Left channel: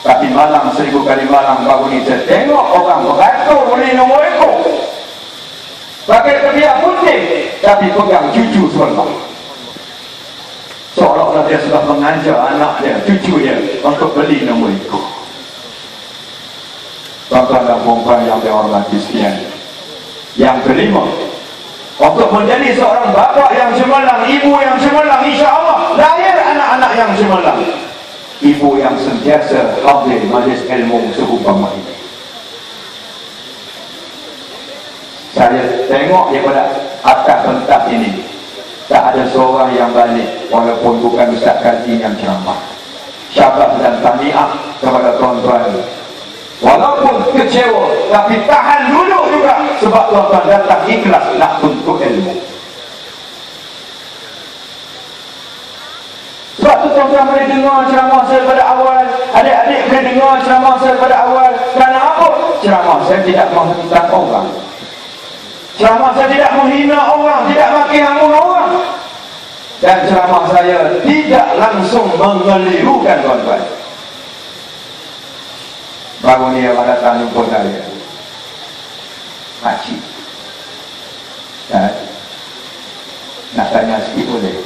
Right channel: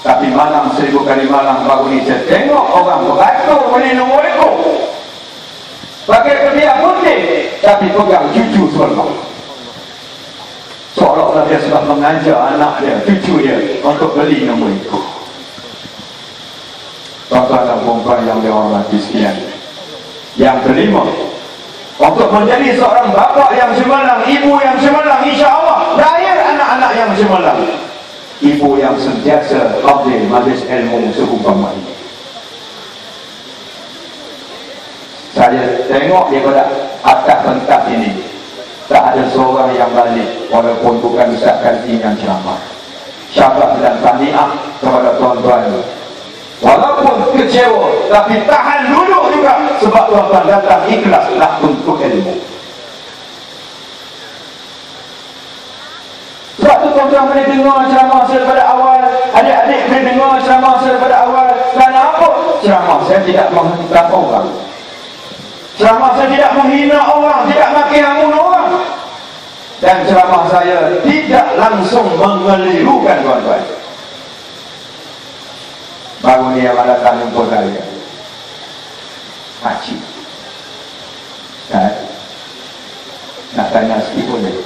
Tapi malam 1000 kali malam baru ni saya tengok orang beratur minum itu pakai kebiak putih tapi pegang cucu seorang, seolah-olah dia sudah mengajar anak dia, cucu dia untuk beli nombor itu. Tuan-tuan dan puan yang dihormati sekalian, yang kelima, untuk menjadi seorang bapa yang cemerlang, ibu yang cemerlang, insya-Allah lahir anak-anak yang cemerlang, ibu yang sentiasa hadir majlis ilmu seumpama ini. Saya tengok daripada atas pentas ini tak ada seorang yang balik walaupun bukan Ustaz Kaji yang ceramah. Syabas dan tahniah kepada tuan-tuan, walaupun kecewa tapi tahan dulu juga sebab tuan-tuan datang ikhlaslah untuk ilmu. Sebab tu tuan-tuan boleh dengar ceramah saya pada awal, adik-adik boleh dengar ceramah saya pada awal. Kerana apa? Ceramah saya tidak menghentikan orang, ceramah saya tidak menghina orang, tidak maki hamun orang, dan ceramah saya tidak langsung mengelirukan tuan-tuan. Baru ni yang ada tanya pun saya Haji nak tanya sikit boleh?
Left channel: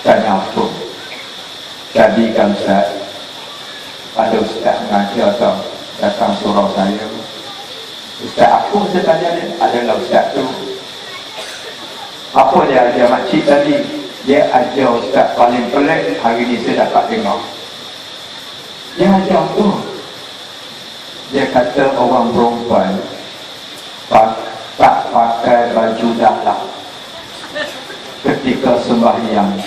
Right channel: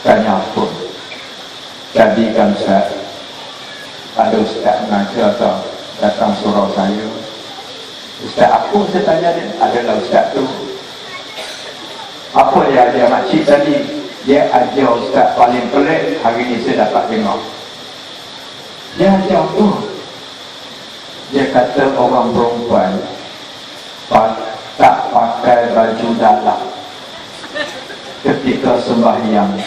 Tanya pun jadikan Ustaz, ada Ustaz mengajar atau datang surau saya, Ustaz apa saya tanya dia? Adalah Ustaz tu apa dia ajar makcik tadi? Dia ajar Ustaz paling pelik hari ni saya dapat tengok. Dia ajar tu, dia kata orang perempuan tak pakai baju dalam ketika sembahyangnya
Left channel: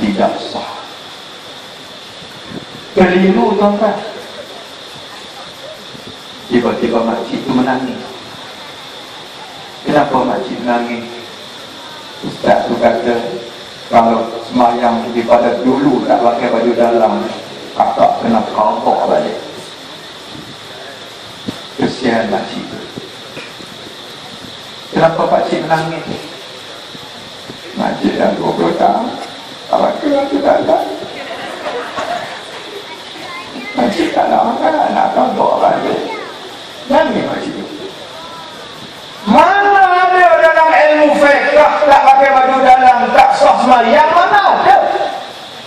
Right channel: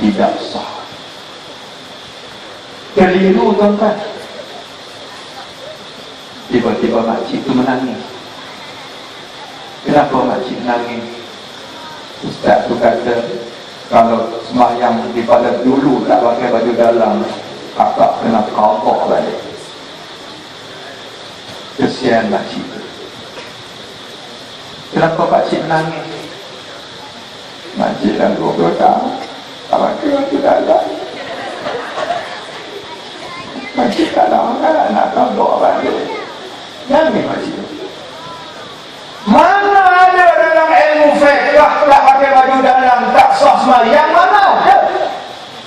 tidak sah. Keliru tuan-tuan. Tiba-tiba makcik itu menangis. Kenapa makcik menangis? Ustaz tu kata kalau sembahyang daripada dulu tak pakai baju dalam, kakak kena kapok lagi. Kesian makcik tu. Kenapa pakcik menangis? Makcik dah 20 tahun tak pakai baju dalam. Makcik tak lama nak kapok lagi. Nangis makcik tu. Mana ada dalam ilmu fiqh tak pakai baju dalam tak sah sembahyang? Mana ada?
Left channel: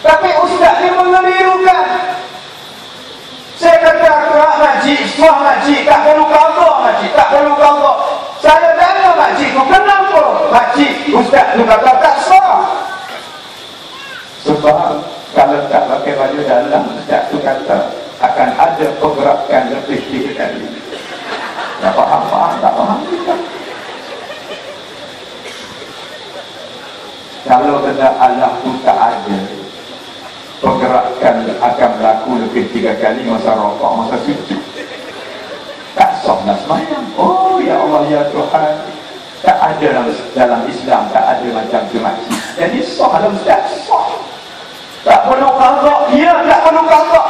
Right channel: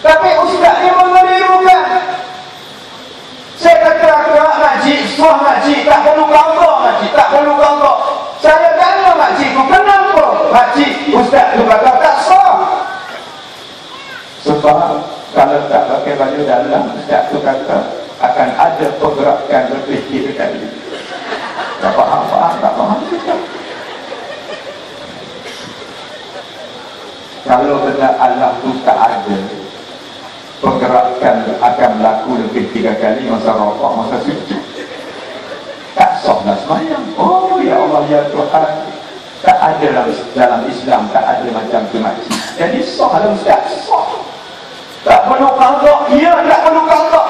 Tapi ustaz dia mengelirukan. Saya kata kerak makcik, sah makcik, tak perlu gambar makcik, tak perlu gambar. Saya tanya makcik tu, kenapa makcik ustaz tu kata tak sah? Sebab kalau tak pakai baju dalam, ustaz tu kata akan ada pergerakan lebih 3 kali. Tak faham, tak faham. Kalau kata Allah tu tak ada, pergerakan akan berlaku lebih 3 kali masa rokok, masa sujud. Tak sah dah semayang. Oh ya Allah ya Tuhan, tak ada dalam Islam, tak ada macam tu makcik. Jadi sah lah Ustaz, sah. Tak perlu kangkok, ya tak perlu kangkok.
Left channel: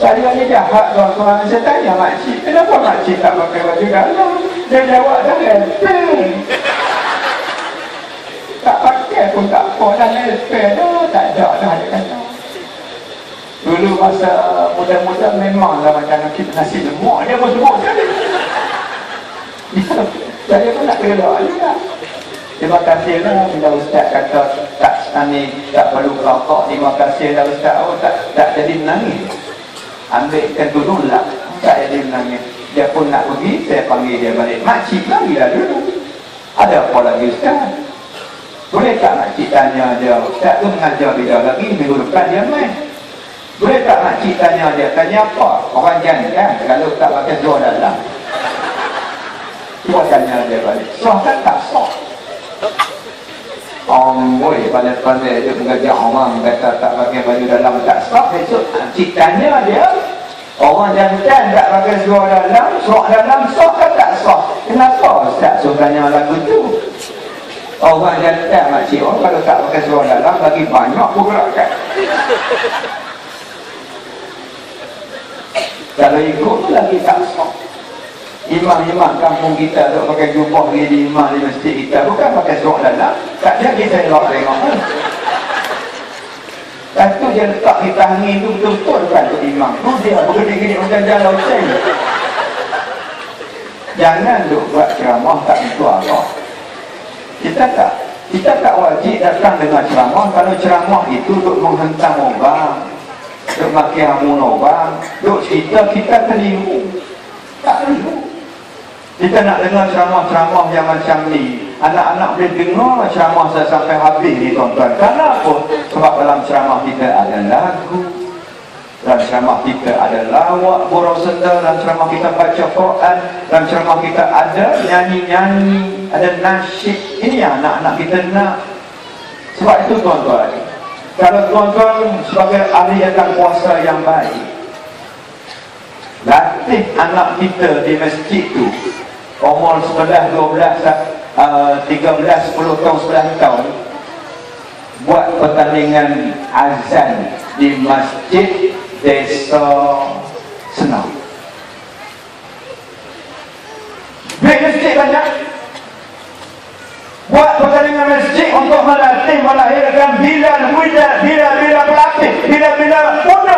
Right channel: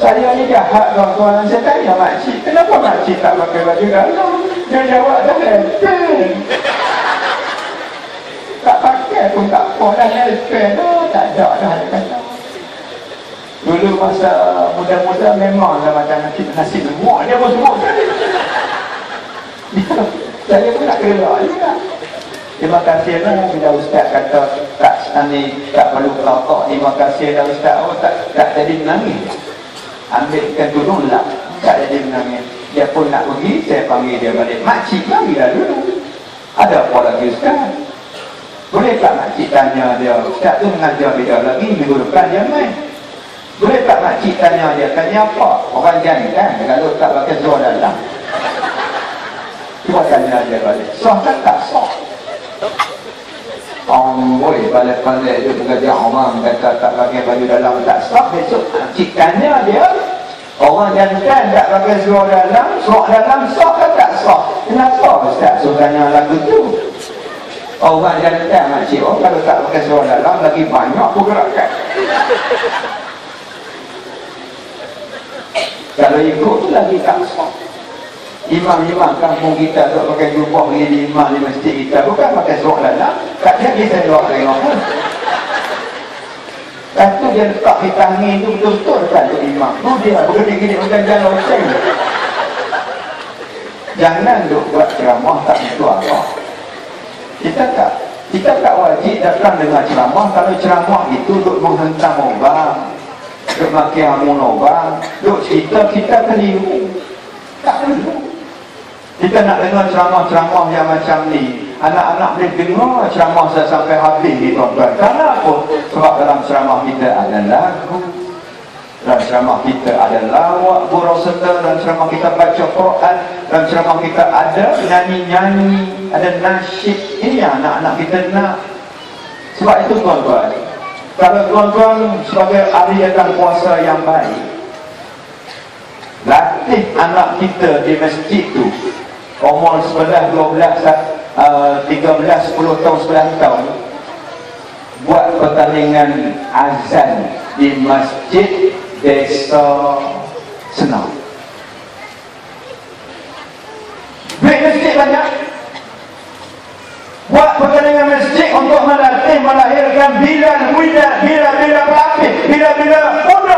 Saya ni jahat tuan-tuan. Saya tanya makcik, kenapa makcik tak pakai baju dalam? Dia jawab dah enteng. Tak pakai pun tak apa, dan elpen tak ada dah. Dulu masa muda-muda memanglah macam nasi lemak dia pun semua. Saya pun nak kira juga. Terima kasih lah bila Ustaz kata tak perlu rokok. Terima kasih lah Ustaz. Tak jadi menangis. Ambil kita turun lah, tak jadi menangis. Dia pun nak pergi, saya panggil dia balik. Makcik lagi lah dulu. Ada apa lagi Ustaz? Boleh tak makcik tanya dia, Ustaz tu mengajar dia lagi, minggu depan dia main. Boleh tak makcik tanya dia, tanya apa? Orang jangan kalau tak pakai seluar dalam. Cuba tanya dia balik, sah kan tak sah? Boy, pandai-pandai dia pengajar orang kata tak pakai baju dalam tak sah. Besok makcik tanya dia, orang jantan tak pakai seluar dalam sah kan tak sah? Kenapa Ustaz so tanya lagu tu? Orang jantan makcik, kalau tak pakai seluar dalam lagi banyak pergerakan. Kalau ikut lagi tak sah. Imam-imam kampung kita tak pakai jubah ni, imam di masjid kita bukan pakai seluar dalam. Tak jadi saya jawab tengok. Satu dia letak di tangi tu betul-betul kan untuk imam. Tu dia begini-gini macam jalan loceng. Jangan duk buat ceramah tak itu Allah. Kita tak wajib datang dengan ceramah. Kalau ceramah itu untuk menghentam orang, untuk maki hamun orang, untuk kita keliru. Tak keliru. Kita nak dengar ceramah-ceramah yang macam ni. Anak-anak boleh dengar ceramah saya sampai habis ni tuan-tuan. Kenapa? Sebab dalam ceramah kita ada lagu, dalam ceramah kita ada lawak gurau serta, dalam ceramah kita baca Quran, dalam ceramah kita ada nyanyi-nyanyi, ada nasyid. Ini yang anak-anak kita nak. Sebab itu tuan-tuan, kalau tuan-tuan sebagai ahli datang puasa yang baik, latih anak kita di masjid tu umur 11, 12, 13, 10 tahun, 11 tahun, buat pertandingan azan di masjid desa Senau. Beli masjid banyak, buat pertandingan masjid untuk melatih, melahirkan bilal muda, bila-bila pelatih, bila-bila muda.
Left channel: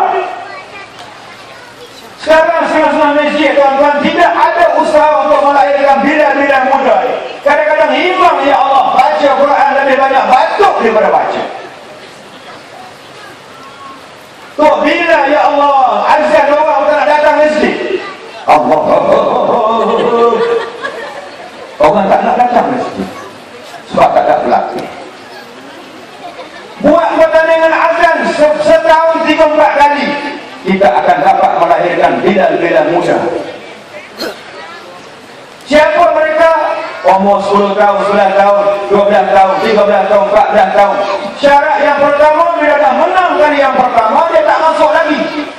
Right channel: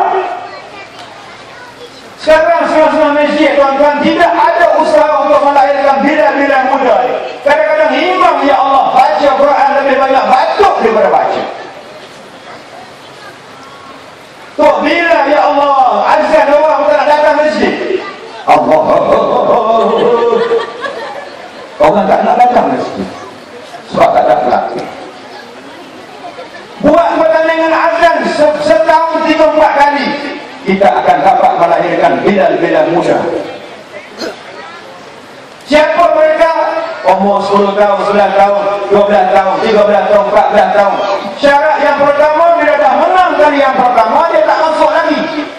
Sekarang semua masjid tuan-tuan tidak ada usaha untuk melahirkan bila-bila muda. Kadang-kadang imam, ya Allah, baca Quran lebih banyak batuk daripada baca. Tu bila, ya Allah, azan orang tak nak datang masjid. Allah, orang tak nak datang masjid sebab tak ada pelatih. Buat pertandingan azan setahun 3-4 kali, kita akan dapat melahirkan bilal-bilal muda. Siapa mereka? Umur 10 tahun, 9 tahun, 12 tahun, 13 tahun, 14 tahun. Syarat yang pertama, bila dah menang kali yang pertama, dia tak masuk lagi.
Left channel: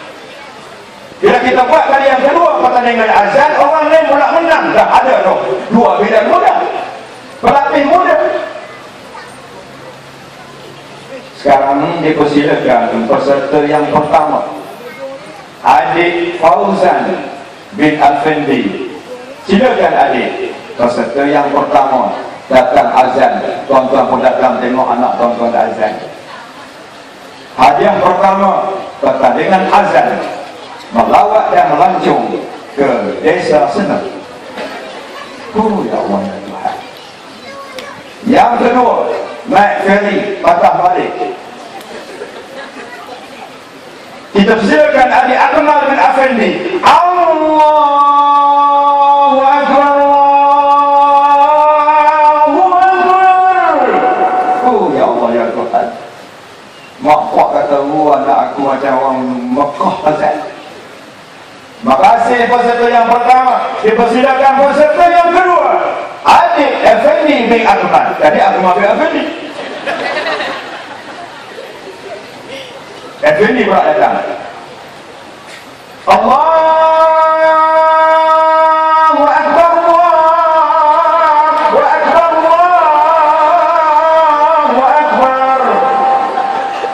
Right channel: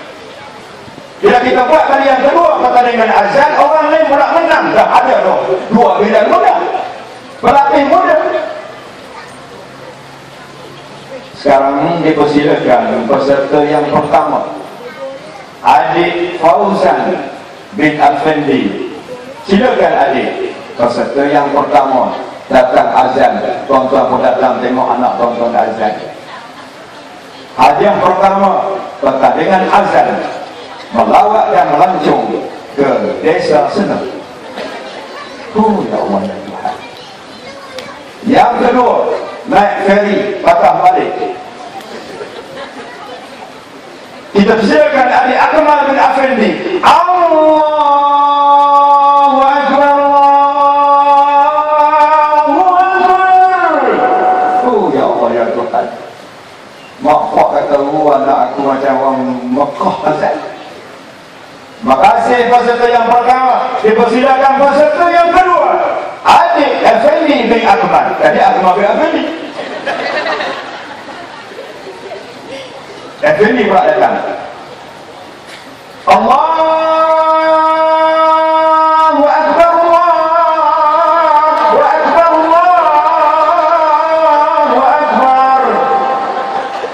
Bila kita buat kali yang kedua pertandingan azan, orang lain pula menang. Dah ada tu 2 bilal muda, pelatih muda. Sekarang dipersilakan peserta yang pertama, Adik Fauzan bin Afendi. Silakan adik, peserta yang pertama datang azan. Tuan-tuan pun datang tengok anak tuan-tuan azan. Hadiah pertama pertandingan azan, melawat dan melancong ke desa Senau. Ya Allah ya Tuhan. Yang kedua, naik feri patah balik. Kita silakan adik Akmal bin Afendi. Allahu Akbar, Allahu Akbar. Ya Allah ya Tuhan. Mak kok kata anak aku macam orang Mekah azan. Makasih peserta yang pertama. Dipersilakan peserta yang kedua, adik Afendi bin Akmal. Tadi Akmal bin Afendi. Afendi pula datang. Allahu Akbar, Allahu Akbar, Allahu Akbar.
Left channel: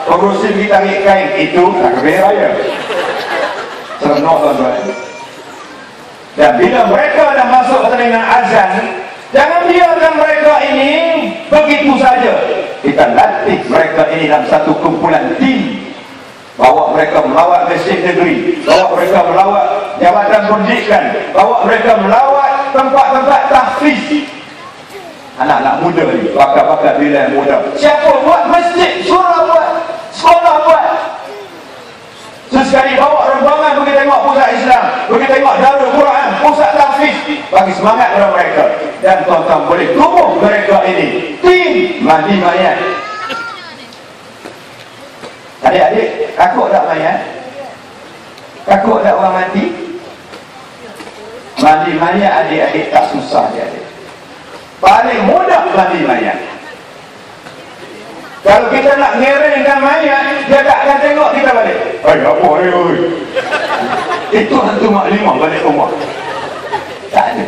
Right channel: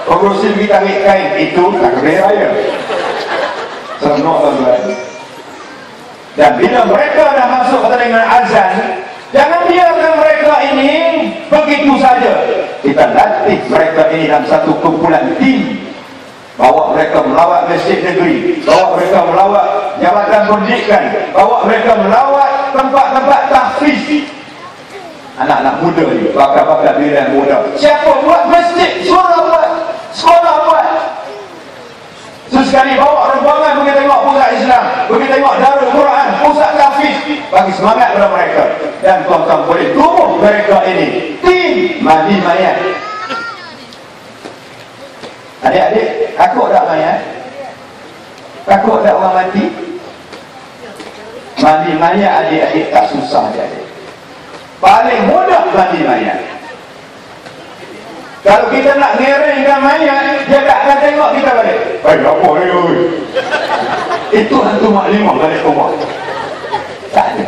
Pengurusi kita kain itu tak kena raya. Senang tuan-tuan. Dan bila mereka dah masuk pertandingan azan, jangan biarkan mereka ini begitu saja. Kita latih mereka ini dalam satu kumpulan tim. Bawa mereka melawat masjid negeri, bawa mereka melawat jabatan pendidikan, bawa mereka melawat tempat-tempat tahfiz. Anak-anak muda ni, bakal-bakal bilal muda. Siapa buat masjid? Surah buat, sekolah buat. Sesekali bawa rombongan pergi tengok pusat Islam, pergi tengok Darul Quran, pusat tahfiz, bagi semangat kepada mereka. Dan tuan-tuan boleh tumbuh mereka ini tim Mahdi Mayat. Adik-adik, takut tak mayat? Takut tak orang mati? Mandi mayat adik-adik tak susah je adik. Paling mudah mandi mayat. Kalau kita nak ngerengkan mayat, dia tak akan tengok kita balik. Apa ni? Itu hantu maklimah balik rumah. Tak ada.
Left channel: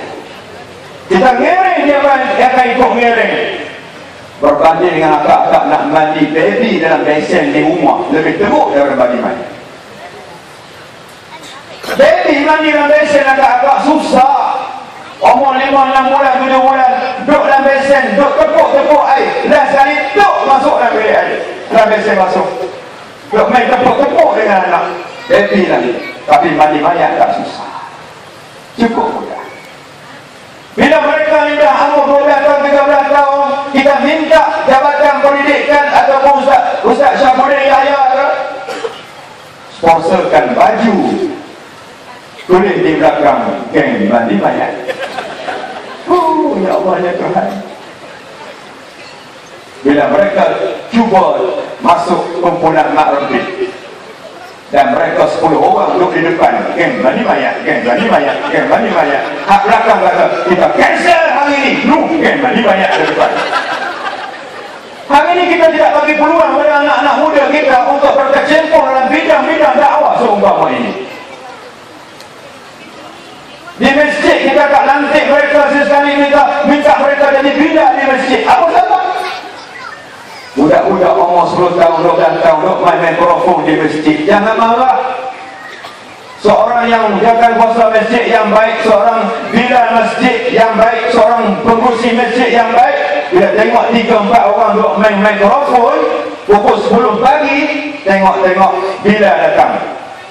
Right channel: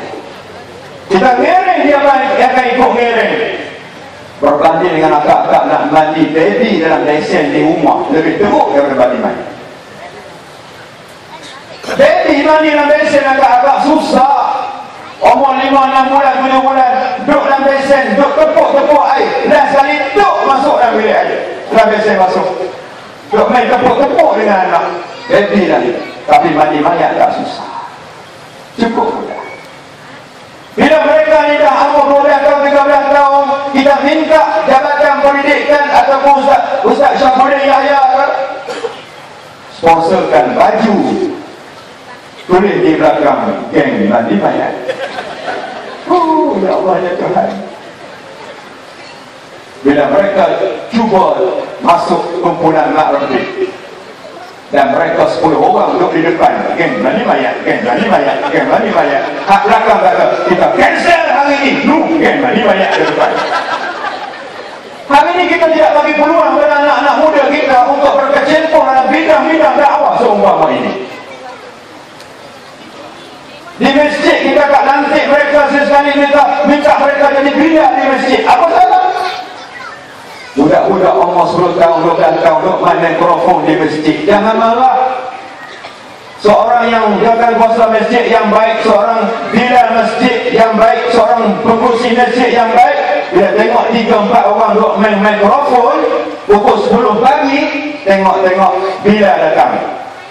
Kita ngereng, dia akan ikut ngereng. Berbanding dengan akak-akak nak mandi baby dalam lesen di rumah, lebih teruk daripada mandi. Baby mandi dalam lesen akak-akak susah. Umur 5, 6 bulan, 7 bulan, duduk dalam lesen, duduk tepuk-tepuk air. Dan sekali duduk masuk dalam bilik air. Dalam lesen masuk. Duk main tepuk-tepuk dengan anak baby lagi. Tapi mandi mayat tak susah, cukup. Bila mereka ni dah 40 tahun, 13 tahun, kita minta jabatan pendidikan ataupun Ustaz Syafuddin Yahya sponsorkan baju tulis di belakang geng mandi mayat. Oh ya Allah ya Tuhan. Bila mereka cuba masuk kumpulan Mak Rodi dan mereka 10 orang duduk di depan geng mandi mayat, geng mandi mayat, geng mandi mayat, hak belakang kata kita cancel hari ini, geng mandi mayat di depan. Hari ini kita tidak bagi peluang kepada anak-anak muda kita untuk berkecimpung dalam bidang-bidang dakwah seumpama ini. Di masjid kita tak lantik mereka sesekali, minta mereka jadi bidak di masjid. Apa salah? Budak-budak umur 10 tahun, 12 tahun duk main mikrofon di masjid. Jangan marah. Seorang yang jaga kuasa masjid yang baik, seorang bidan masjid yang baik, seorang pengurusi masjid yang baik, bila tengok 3-4 orang duk main mikrofon pukul 10 pagi, tengok-tengok bila datang.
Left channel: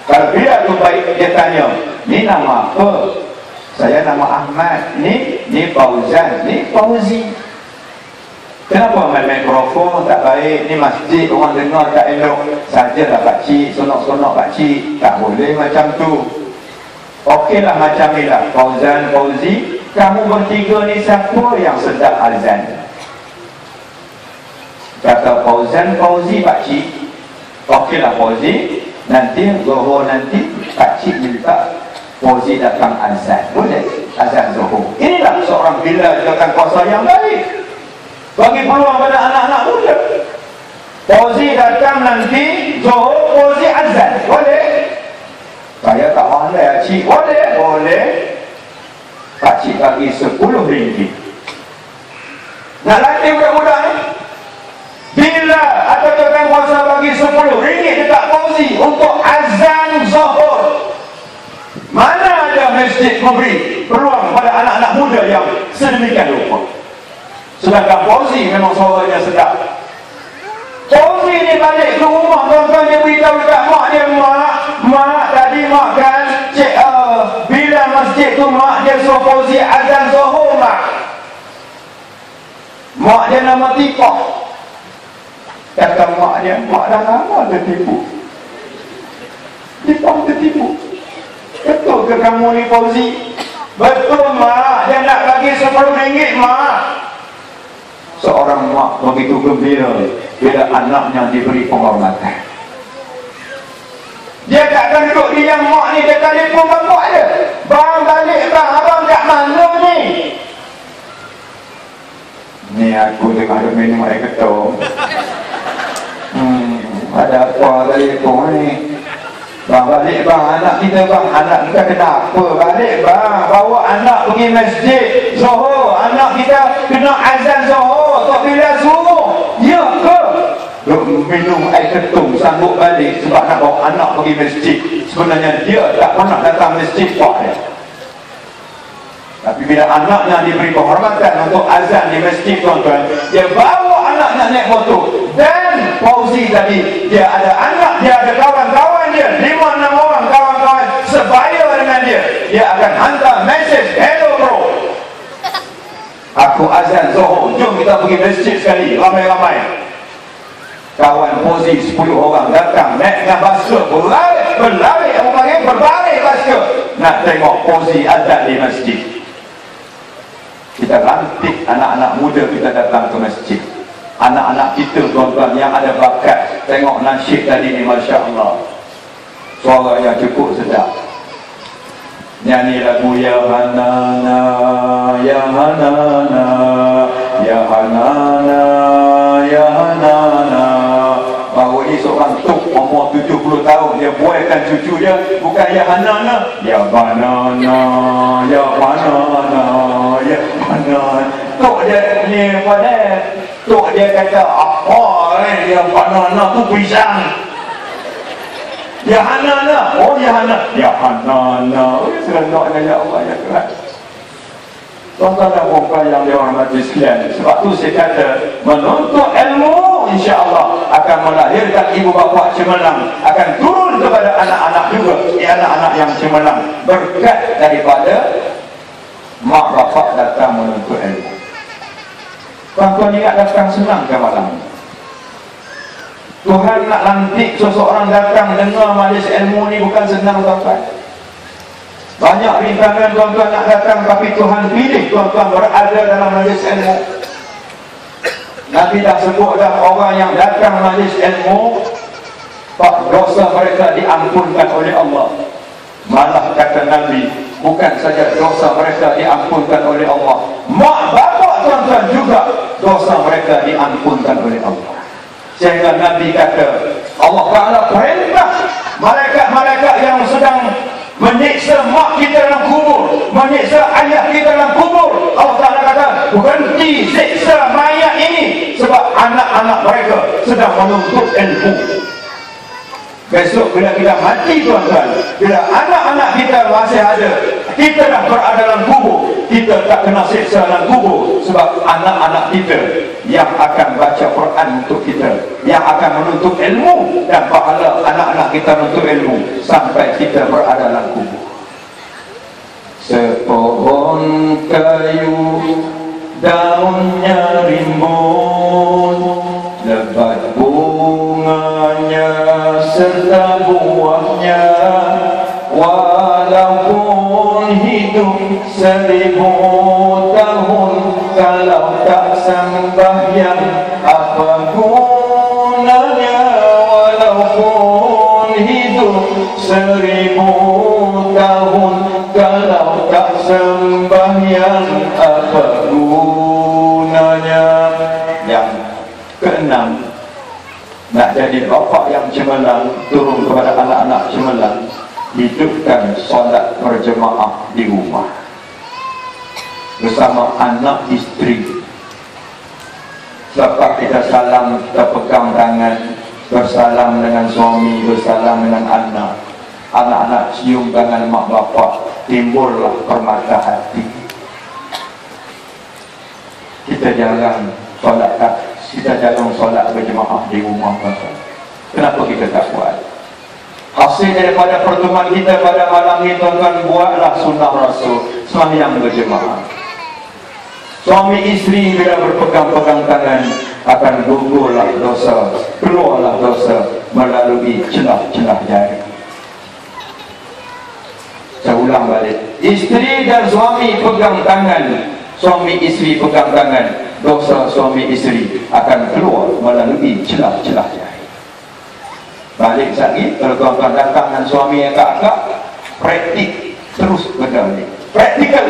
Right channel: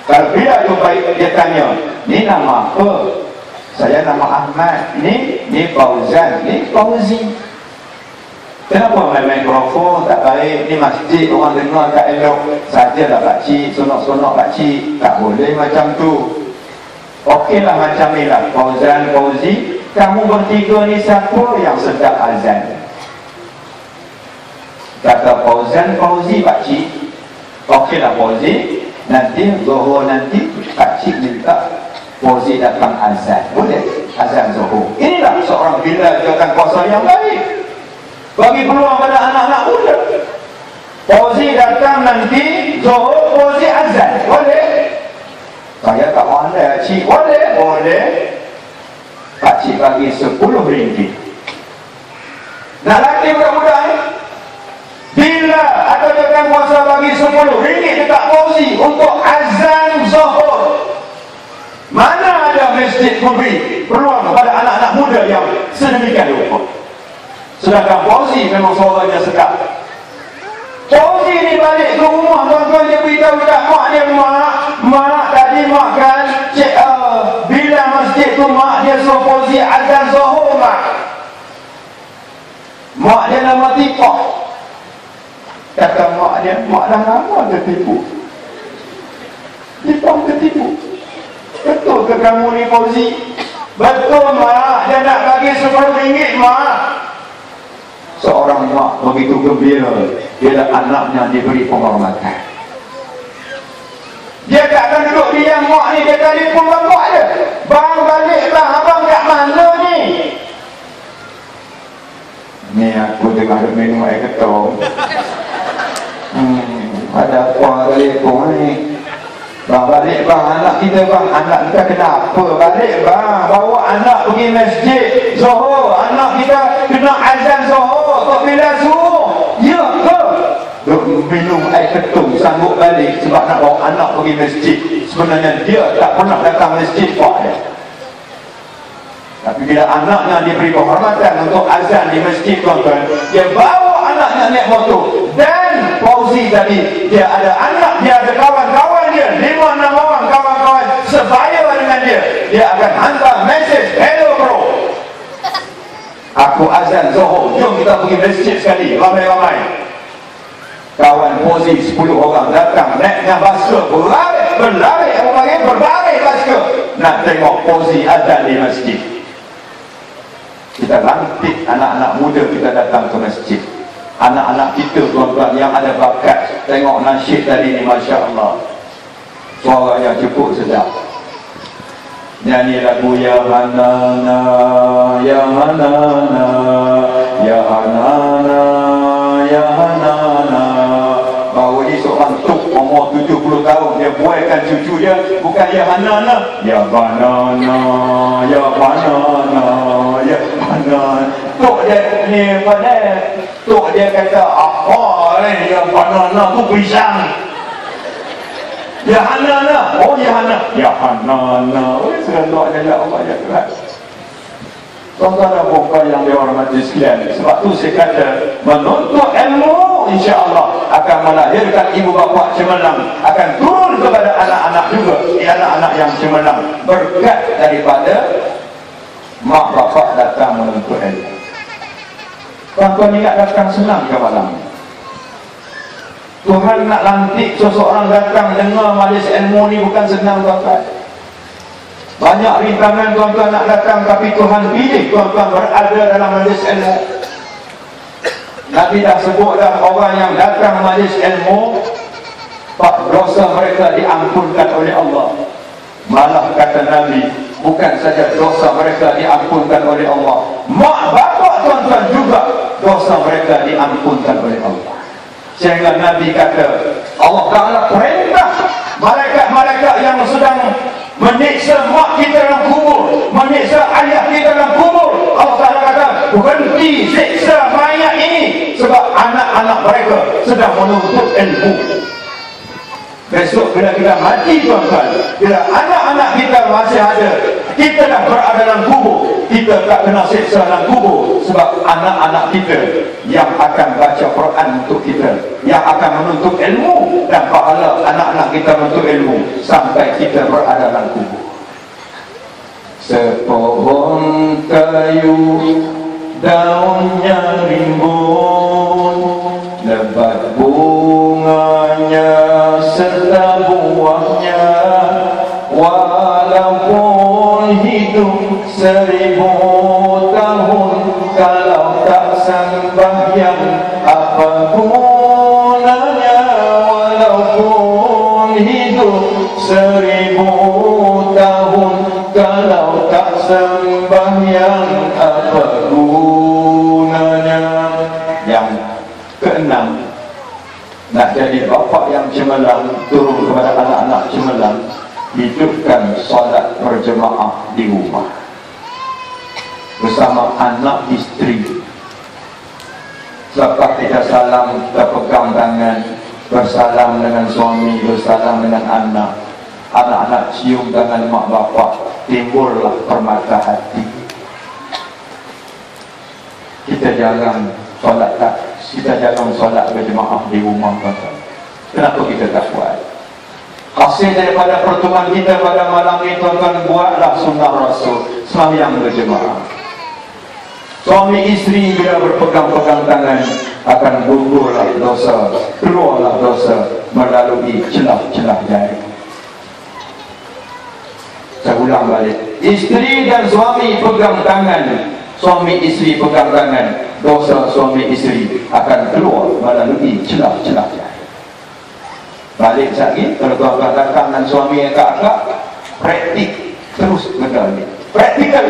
Kalau bila tu baik, dia tanya, ni nama apa? Saya nama Ahmad. Ni Fauzan, ni Fauzi. Kenapa main mikrofon tak baik? Ni masjid, orang dengar tak elok. Sajalah pakcik, sonok-sonok pakcik. Tak boleh macam tu. Okeylah macam ni lah. Fauzan, Fauzi, kamu bertiga ni siapa yang sedap azan? Kata Fauzan, Fauzi pakcik. Okeylah Fauzi, nanti Zuhur nanti pakcik minta Fauzi datang azan. Boleh? Azan Zuhur. Inilah seorang bila jawatan kuasa yang baik. Bagi peluang pada anak-anak muda. Fauzi datang nanti Zuhur, Fauzi azan. Boleh? Saya tak pandai cik. Boleh? Boleh. Pakcik bagi RM10. Nak latih budak-budak ni? Bila ada jawatan kuasa bagi RM10 dekat Fauzi untuk azan Zuhur, mana ada masjid memberi peluang pada anak-anak muda yang sedemikian rupa? Sedangkan Fauzi memang suaranya sedap. Fauzi ni balik ke rumah, tuan-tuan dia beritahu dekat mak dia, mak tadi mak kan cik, bila masjid tu mak dia suruh Fauzi azan Zuhur mak. Mak dia nama Tipah. Kata mak dia, mak dah lama tertipu. Tipah tertipu. Betul ke kamu ni Fauzi? Betul mak, dia nak bagi RM10 mak. Seorang mak begitu gembira bila anaknya diberi penghormatan. Dia tak akan duduk diam mak ni, dia telefon bapak dia. Bang balik bang, abang kat mana ni? Ni aku dengar minum air ketum. Ada apa telefon ni? Bang balik bang, anak kita bang, anak kita kenapa balik bang? Bawa anak pergi masjid Zuhur, anak kita kena azan Zuhur, tak bila suruh. Ya ke? Minum air ketum sanggup balik sebab nak bawa anak pergi masjid. Sebenarnya dia tak pernah datang masjid pak dia. Tapi bila anaknya diberi penghormatan untuk azan di masjid tuan-tuan, dia bawa anaknya naik motor. Dan Fauzi tadi, dia ada anak, dia ada kawan-kawan dia, 5-6 orang kawan-kawan sebaya dengan dia. Dia akan hantar mesej, hello bro, aku azan Zuhur, jom kita pergi masjid sekali, ramai-ramai. Kawan Fauzi 10 orang datang naik dengan basikal, berlari basikal nak tengok Fauzi azan di masjid. Kita lantik anak-anak muda kita datang ke masjid. Anak-anak kita tuan-tuan yang ada bakat, tengok nasyid tadi ni, Masya Allah, suara yang cukup sedap. Nyanyi lagu Ya Hanana, Ya Hanana, Ya Hanana, Ya Hanana. Baru ni seorang tuk umur 70 tahun, dia buatkan cucu dia bukan Ya Hanana, Ya Banana, Ya Banana, Ya Banana. Tuk dia ni pada, tuk dia kata apa ni Ya Banana tu pisang. Ya Hanana, oh Ya Hanana, Ya Hanana. Oh seronoknya ya Allah ya Tuhan. Tuan-tuan dan puan yang dirahmati sekalian, sebab tu saya kata menuntut ilmu insya-Allah akan melahirkan ibu bapa cemerlang, akan turun kepada anak-anak juga, anak-anak yang cemerlang, berkat daripada mak bapak datang menuntut ilmu. Tuan-tuan ingat datang senang ke malam? Tuhan nak lantik seseorang datang dengar majlis ilmu ni bukan senang, tuan-tuan. Banyak rintangan tuan-tuan nak datang, tapi Tuhan pilih tuan-tuan berada dalam majlis ilmu. Nabi dah sebut dah, orang yang datang majlis ilmu, dosa mereka diampunkan oleh Allah. Malah kata Nabi, bukan saja dosa mereka diampunkan oleh Allah, mak bapak tuan-tuan juga dosa mereka diampunkan oleh Allah. Sehingga Nabi kata, Allah Ta'ala perintah malaikat-malaikat yang sedang menyiksa mak kita dalam kubur, menyiksa ayah kita dalam kubur, Allah Ta'ala kata, berhenti siksa mayat ini, sebab anak-anak mereka sedang menuntut ilmu. Besok bila kita mati tuan-tuan, bila anak-anak kita masih ada, kita dah berada dalam kubur, kita tak kena siksa dalam kubur, sebab anak-anak kita yang akan baca Quran untuk kita, yang akan menuntut ilmu, dan pahala anak-anak kita menuntut ilmu sampai kita berada dalam kubur. Sepohon kayu daunnya rimbun, lebat bunganya serta buahnya, walaupun hidup 1000 tahun, kalau tak sembahyang apa gunanya? Walaupun hidup 1000 tahun, kalau tak sembahyang apa gunanya? Yang keenam, nak jadi bapa yang cemerlang, turun kepada anak-anak cemerlang, hidupkan solat berjemaah di rumah bersama anak isteri. Selepas kita salam, kita pegang tangan, bersalam dengan suami, bersalam dengan anak. Anak-anak cium tangan mak bapak, timbullah permata hati. Kita jarang solat, berjemaah di rumah. Kenapa kita tak buat? Hasil daripada pertemuan kita pada malam ini, tuan-tuan, buatlah sunnah Rasul, sembahyang berjemaah. Suami isteri bila berpegang-pegang tangan, akan gugurlah dosa, keluarlah dosa melalui celah-celah jari. Saya ulang balik, isteri dan suami pegang tangan, suami isteri pegang tangan, dosa suami isteri akan keluar melalui celah-celah jari. Balik lagi, kalau tuan-tuan datang dengan suami yang kakak, praktik terus benda ni, praktikal.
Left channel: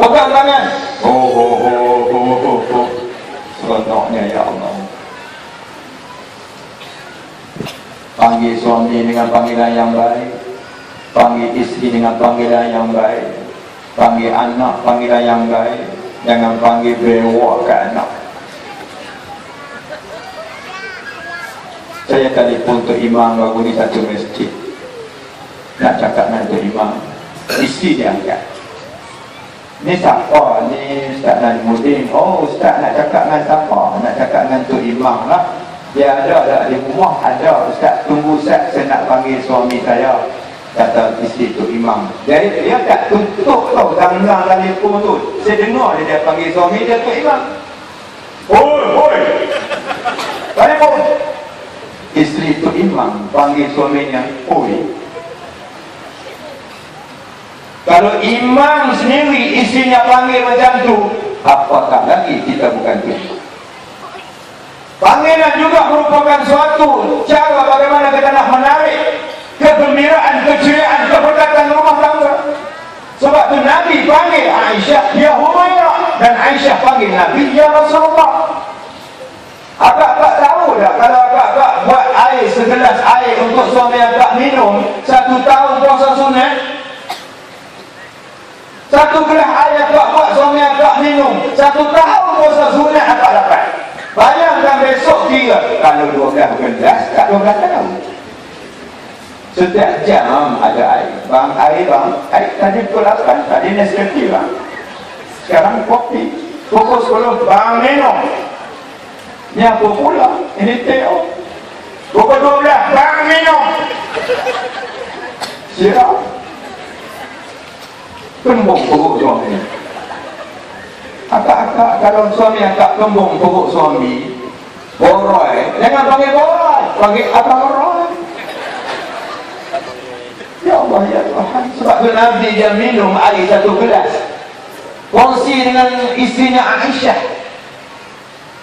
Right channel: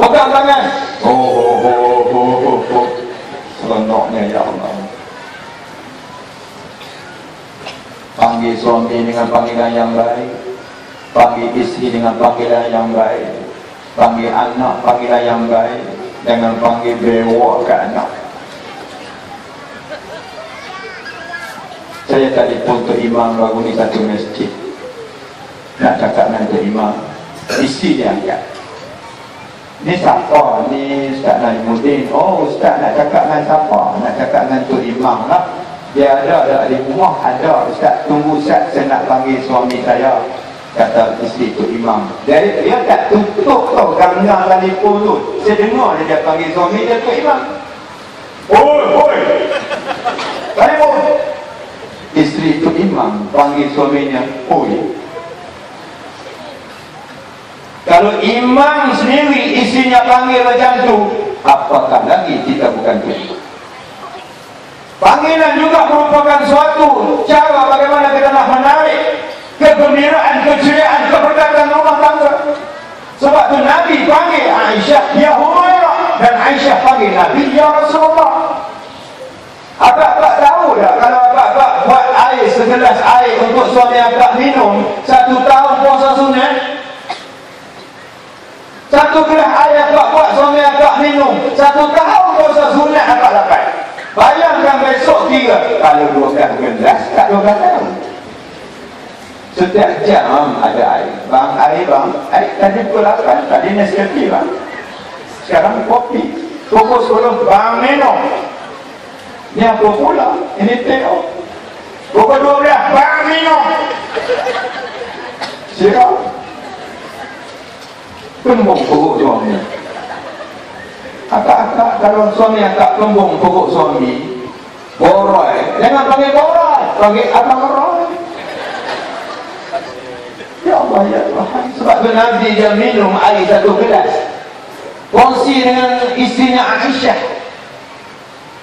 Pegang tangan, seronoknya ya Allah. Panggil suami dengan panggilan yang baik, panggil isteri dengan panggilan yang baik, panggil anak panggilan yang baik, jangan panggil bewak ke anak. Saya telefon Tok Imam baru di satu masjid, nak cakap dengan Tok Imam, isteri dia angkat. Ni siapa? Ni Ustaz Najimuddin. Oh, Ustaz nak cakap dengan siapa? Nak cakap dengan Tok Imam lah. Dia ada di rumah, ada. Ustaz, tunggu Ustaz, saya nak panggil suami saya, kata isteri Tok Imam. Jadi dia tak tutup tau ganggang telefon tu. Saya dengar dia panggil suami dia Tok Imam. Oi telefon. Isteri Tok Imam panggil suaminya oi. Kalau imam sendiri isinya panggil macam tu, apakah lagi kita bukan tu? Panggilan juga merupakan suatu cara bagaimana kita nak menarik kegembiraan, keceriaan, keberkatan rumah tangga. Sebab tu Nabi panggil Aisyah ya Humairah, dan Aisyah panggil Nabi ya Rasulullah. Abang-abang tahu tak, kalau abang-abang buat air segelas air untuk suami abang minum 1 tahun puasa sunat, 1 gelas air abang buat suami abang minum 1 tahun puasa sunat abang dapat. Bayangkan besok 3, kalau 12 gelas tak 12 tahun. Setiap jam ada air. Bang, air bang, air tadi pukul 8, tadi Nescafe bang, sekarang kopi. Pukul 10 bang minum. Ni apa pula? Ini tengok. Pukul 12, barang minum. Siap. Kembung perut suami. Akak-akak, kalau suami akak kembung perut suami, boroi. Jangan panggil boroi, panggil abang boroi. Ya Allah, ya Tuhan. Sebab tu Nabi dia minum air 1 gelas. Kongsi dengan istrinya Aisyah.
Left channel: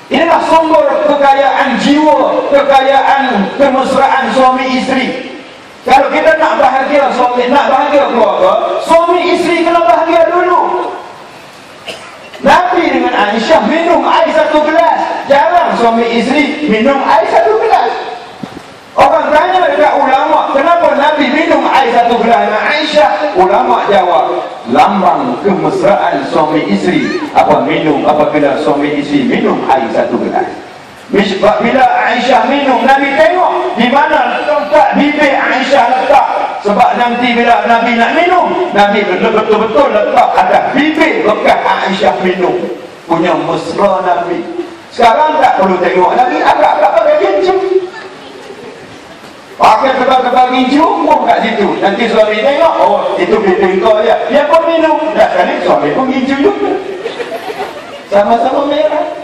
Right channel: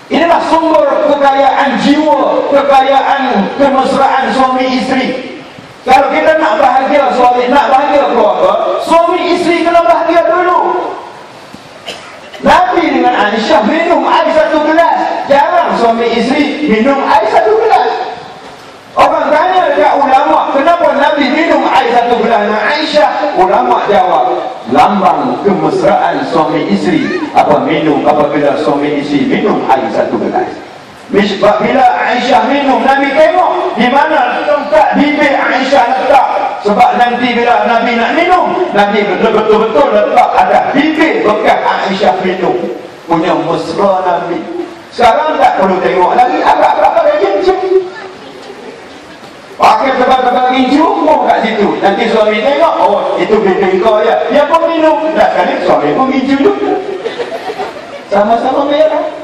Inilah sumber kekayaan jiwa, kekayaan kemesraan suami isteri. Kalau kita nak bahagia suami, nak bahagia keluarga, suami isteri kena bahagia dulu. Nabi dengan Aisyah minum air 1 gelas. Jarang suami isteri minum air 1 gelas. Orang tanya dekat ulama, kenapa Nabi minum air 1 gelas dengan Aisyah? Ulama jawab, lambang kemesraan suami isteri apa minum apabila suami isteri minum air 1 gelas. Sebab bila Aisyah minum, Nabi tengok di mana tempat bibir Aisyah letak. Sebab nanti bila Nabi nak minum, Nabi betul-betul letak atas bibir bekas Aisyah minum. Punya mesra Nabi. Sekarang tak perlu tengok lagi, agak-agak ada cincin. Pakai kebal-kebal gincu pun kat situ. Nanti suami tengok, oh itu bibir kau je. Dia pun minum. Dah kali suami pun gincu juga. Sama-sama merah.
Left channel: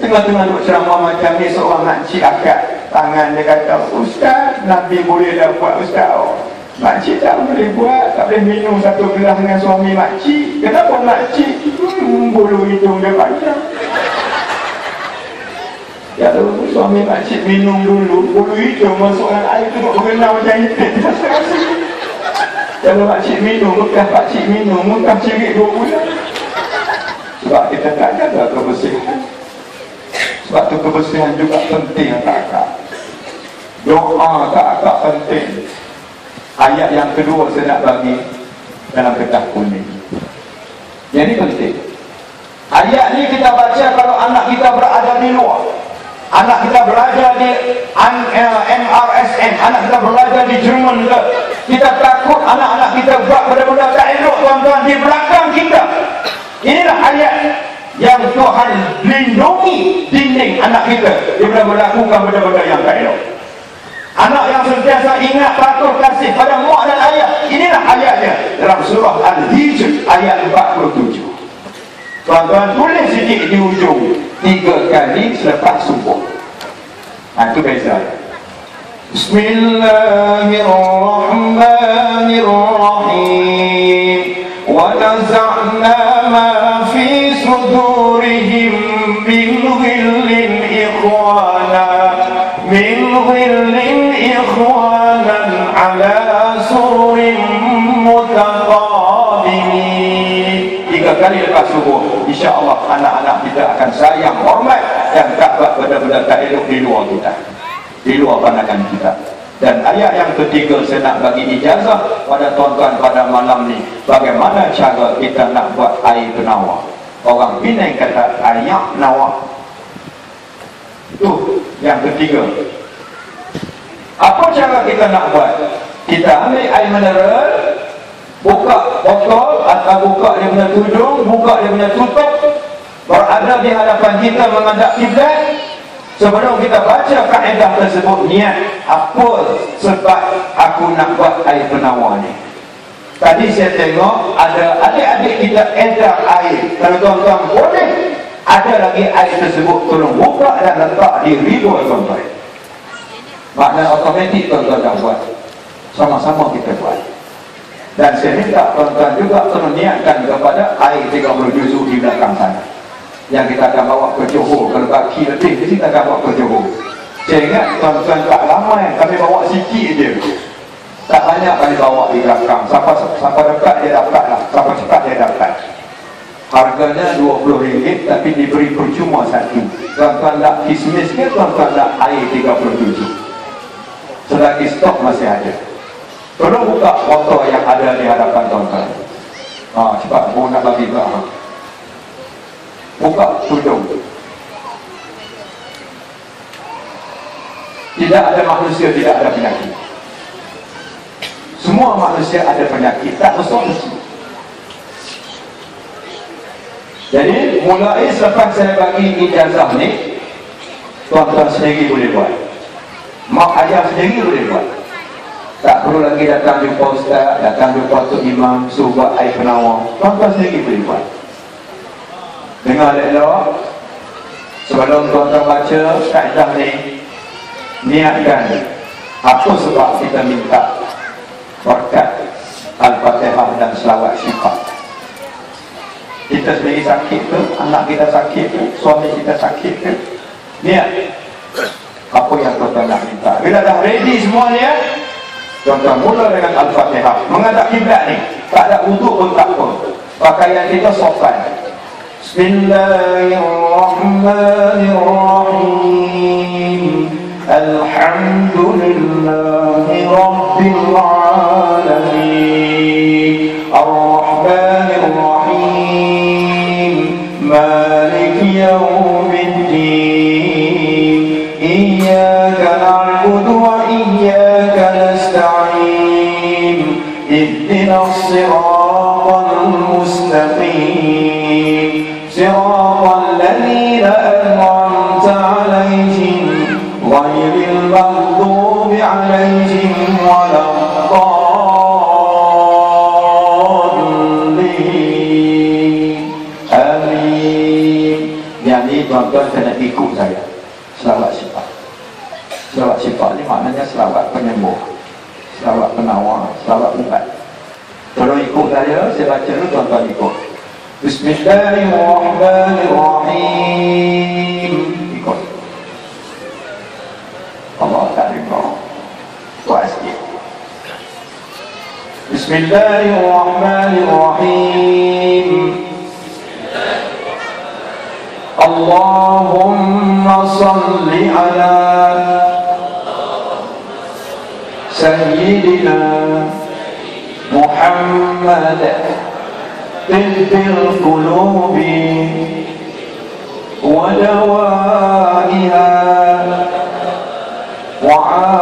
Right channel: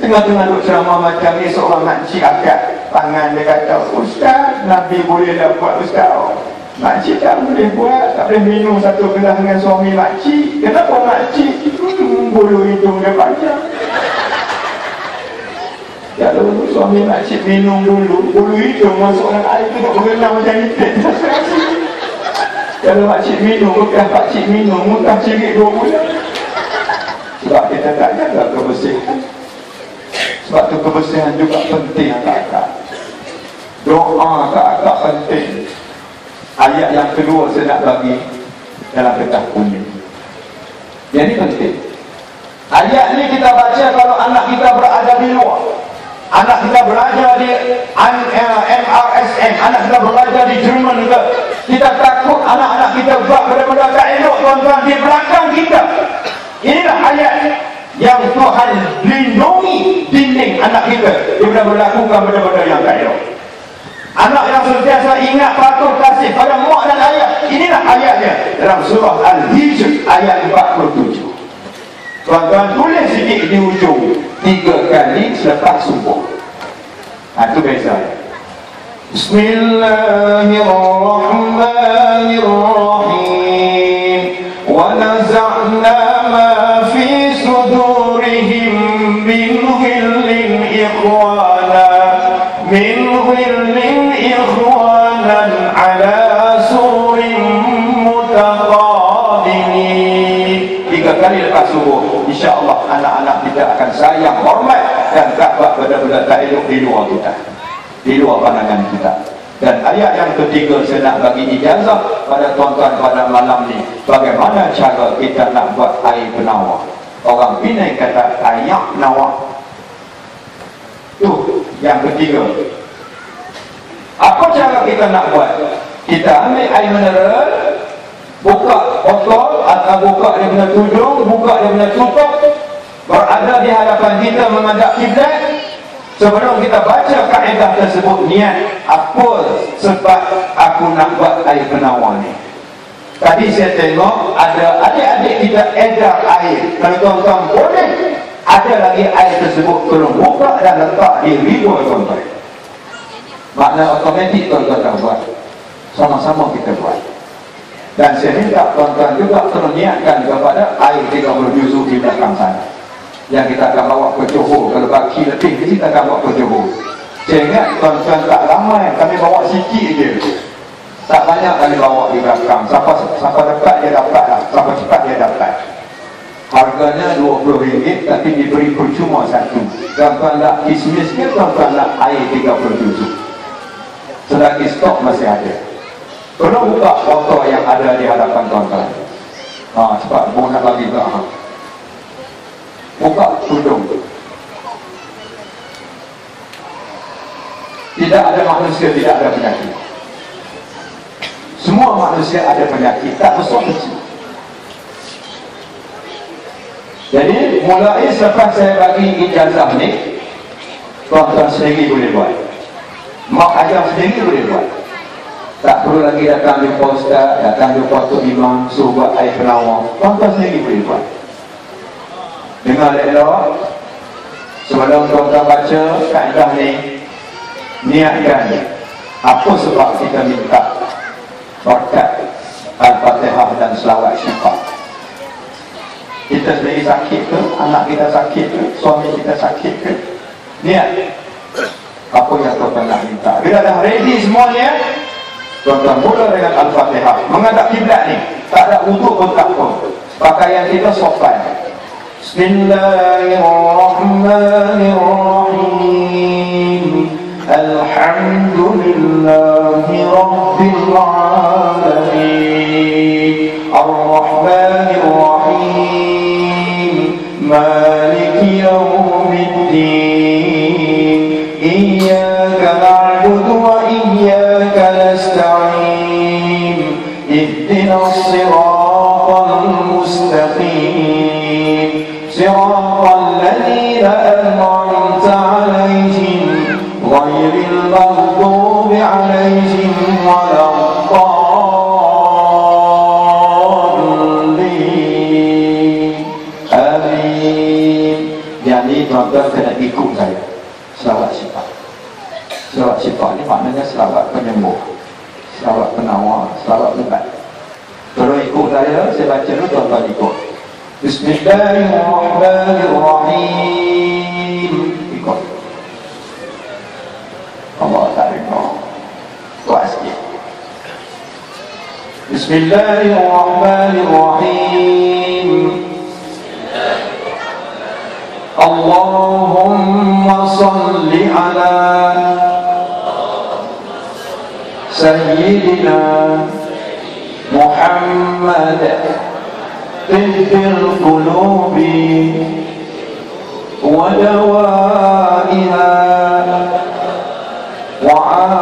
Tengah-tengah duduk ceramah macam ni, seorang makcik akak tangan dia kata, Ustaz, Nabi boleh dapat Ustaz. Oh, makcik tak boleh buat, tak boleh minum 1 gelas dengan suami makcik. Kenapa makcik? Bulu hidung dia banyak. Kalau suami makcik minum dulu, bulu hidung masuk dalam air tu tak berenang macam ipit. Kalau makcik minum, bekas makcik minum, muntah cirit 2 bulan. Sebab kita tak jaga kebersihan. Sebab tu kebersihan juga penting kakak. Doa kakak penting. Ayat yang kedua saya nak bagi dalam kertas kuning. Jadi penting. Ayat ni kita baca kalau anak kita berada di luar. Anak kita belajar di MRSN, anak kita belajar di Jerman ke. Kita takut anak-anak kita buat benda-benda tak elok tuan-tuan di belakang kita. Inilah ayat yang Tuhan lindungi dinding anak kita daripada melakukan benda-benda yang tak elok. Anak yang sentiasa ingat, patuh, kasih pada mak dan ayah. Inilah ayatnya dalam surah Al-Hijr ayat 47. Tuan-tuan tulis sikit di ujung 3 kali selepas subuh. Itu beza. Bismillahirrahmanirrahim. Wa naza'na ma fi sudurihim min ghillin ikhwana ala sururin mutaqabilin. 3 kali lepas subuh, insya-Allah anak-anak kita akan sayang, hormat dan tak buat benda-benda tak elok di luar kita, di luar pandangan kita. Dan ayat yang ketiga saya nak bagi ijazah pada tuan-tuan pada malam ni, bagaimana cara kita nak buat air penawar. Orang Penang kata air penawar. Tu yang ketiga. Apa cara kita nak buat? Kita ambil air mineral, buka botol atau buka dia punya tudung, buka dia punya tutup, berada di hadapan kita menghadap kiblat. Sebelum kita baca kaedah tersebut, niat apa sebab aku nak buat air penawar ni. Tadi saya tengok ada adik-adik kita edar air. Kalau tuan-tuan boleh, ada lagi air tersebut, tolong buka dan letak di ribu tuan-tuan. Makna otomatik tuan-tuan dah buat. Sama-sama kita buat. Dan saya minta tuan-tuan juga tolong niatkan kepada air 30 juzuk di belakang sana, yang kita akan bawa ke Johor. Kalau baki lebih, kita akan bawa ke Johor. Saya ingat tuan-tuan tak ramai, kami bawa sikit je, tak banyak kami bawa di belakang. Sampai dekat dia dapat lah, sampai cepat dia dapat. Harganya RM20, tapi diberi percuma satu. Tuan-tuan nak kismis ke, tuan-tuan nak air 37. Selagi stok masih ada. Perlu buka botol yang ada di hadapan tuan-tuan. Cepat, mau nak bagi ke buka tudung. Tidak ada manusia tidak ada penyakit. Semua manusia ada penyakit, tak besar kecil. Jadi mulai selepas saya bagi ijazah ni, tuan-tuan sendiri boleh buat, mak ayah sendiri boleh buat. Tak perlu lagi datang jumpa ustaz, datang jumpa tok imam, suruh buat air penawar. Tuan-tuan sendiri boleh buat. Dengar elok, sebelum tuan-tuan baca kaedah ni, niatkan apa sebab kita minta berkat Al-Fatihah dan selawat syifa. Kita sendiri sakit ke, anak kita sakit ke, suami kita sakit ke, niat apa yang tuan-tuan nak minta. Bila dah ready semuanya, tuan-tuan mula dengan Al-Fatihah. Menghadap kiblat ni, tak ada wuduk pun tak pun, pakaian kita sopan. Bismillahirrahmanirrahim. Alhamdulillahi Rabbil Alamin. Ar-Rahmanir-Rahim. Maliki Yawmiddin. Iyyaka na'budu wa iyyaka nasta'in. Ihdinas siratal mustaqim. Siratal ladzina an'amta 'alaihim ghairil maghdubi 'alaihim waladdallin. Amin. Yang ni tuan-tuan kena ikut saya. Selawat syifa. Selawat syifa ni maknanya selawat penyembuh, selawat penawar, selawat ubat. Tolong ikut saya baca dulu, tuan-tuan ikut. Bismillahirrahmanirrahim. Ikut. Allah tak dengar. Buat sikit. Bismillahirrahmanirrahim. Allahumma salli ala Sayyidina Muhammad tibbil qulubi wa dawaiha wa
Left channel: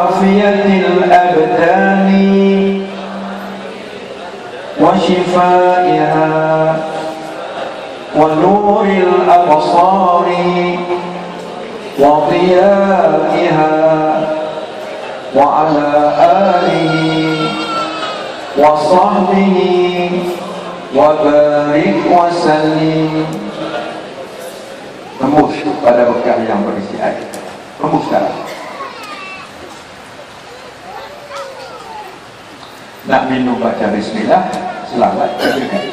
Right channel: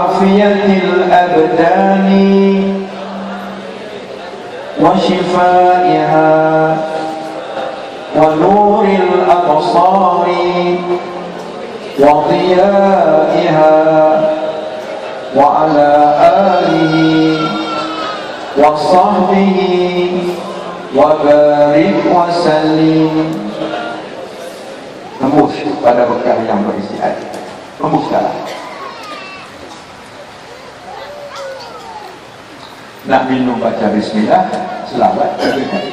afiyatil abdani wa shifaiha wa nuril absari wa dhiyaiha wa ala alihi wa sahbihi wa barik wa sallim. Tembus pada bekah yang berisi air. Tembuskanlah. Nak minum baca bismillah, selawat berikan.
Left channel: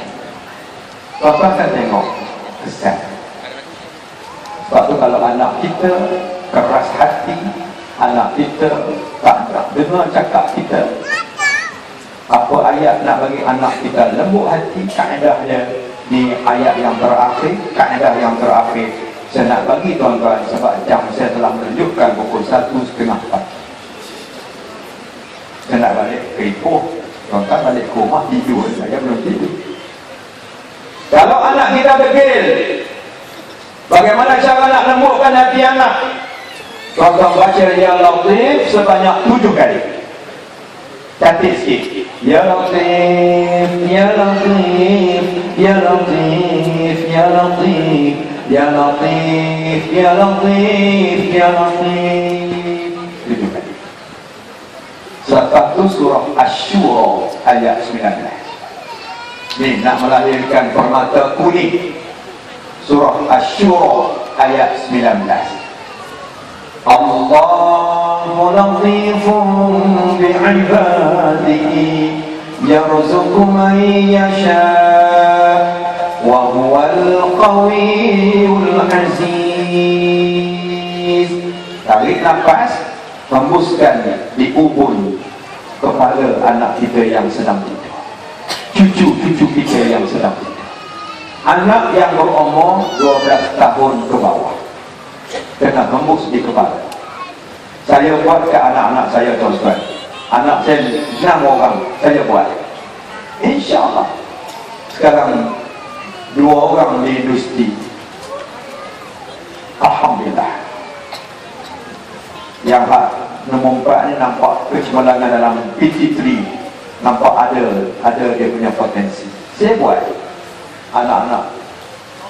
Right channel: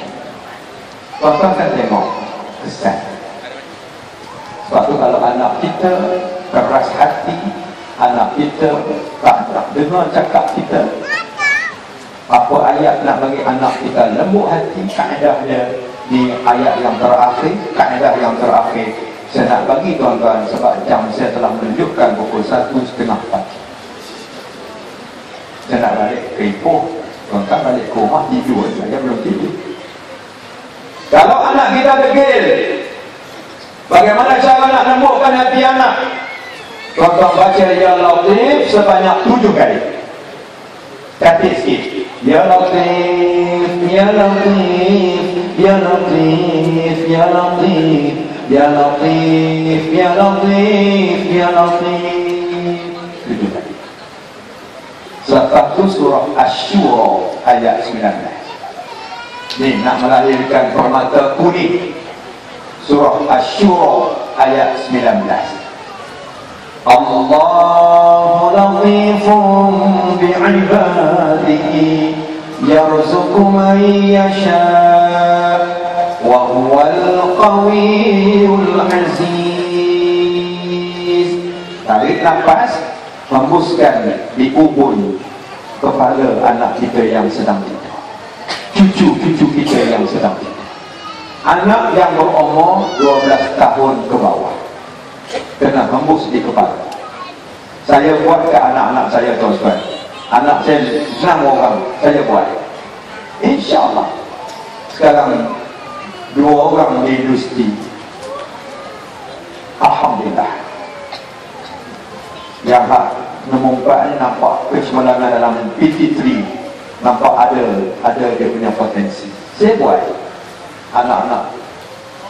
Tuan-tuan kan tengok kesan. Sebab tu kalau anak kita keras hati, anak kita tak dengar cakap kita, apa ayat nak bagi anak kita lembut hati, kaedahnya di ayat yang terakhir, kaedah yang terakhir. Saya nak bagi tuan-tuan sebab jam saya telah menunjukkan pukul 1:30. Saya nak balik ke Ipoh, tuan-tuan balik ke rumah tidur, saya belum tidur. Kalau anak kita degil, bagaimana cara nak lembutkan hati anak? Tuan-tuan baca Ya Latif sebanyak 7 kali. Cantik sikit. Ya Latif, Ya Latif, Ya Latif, Ya Latif, Ya Latif, Ya Latif, Ya Latif. 7 kali. Satu surah Asy-Syura ayat 19. Ni nak melahirkan permata kuning. Surah Asy-Syura ayat 19. Allahu latifun bi'ibadihi yarzuqu man yasha' wa huwal qawiyyul aziz. Tarik nafas, hembuskan di ubun kepala anak kita yang sedang tidur, cucu-cucu kita yang sedang tidur, anak yang berumur 12 tahun ke bawah, kena hembus di kepala. Saya buat ke anak-anak saya, tuan-tuan. Anak saya 6 orang, saya buat. InsyaAllah sekarang 2 orang di industri. Alhamdulillah. Yang nombor 4 ni nampak kecemerlangan dalam PT3, nampak ada dia punya potensi. Saya buat anak-anak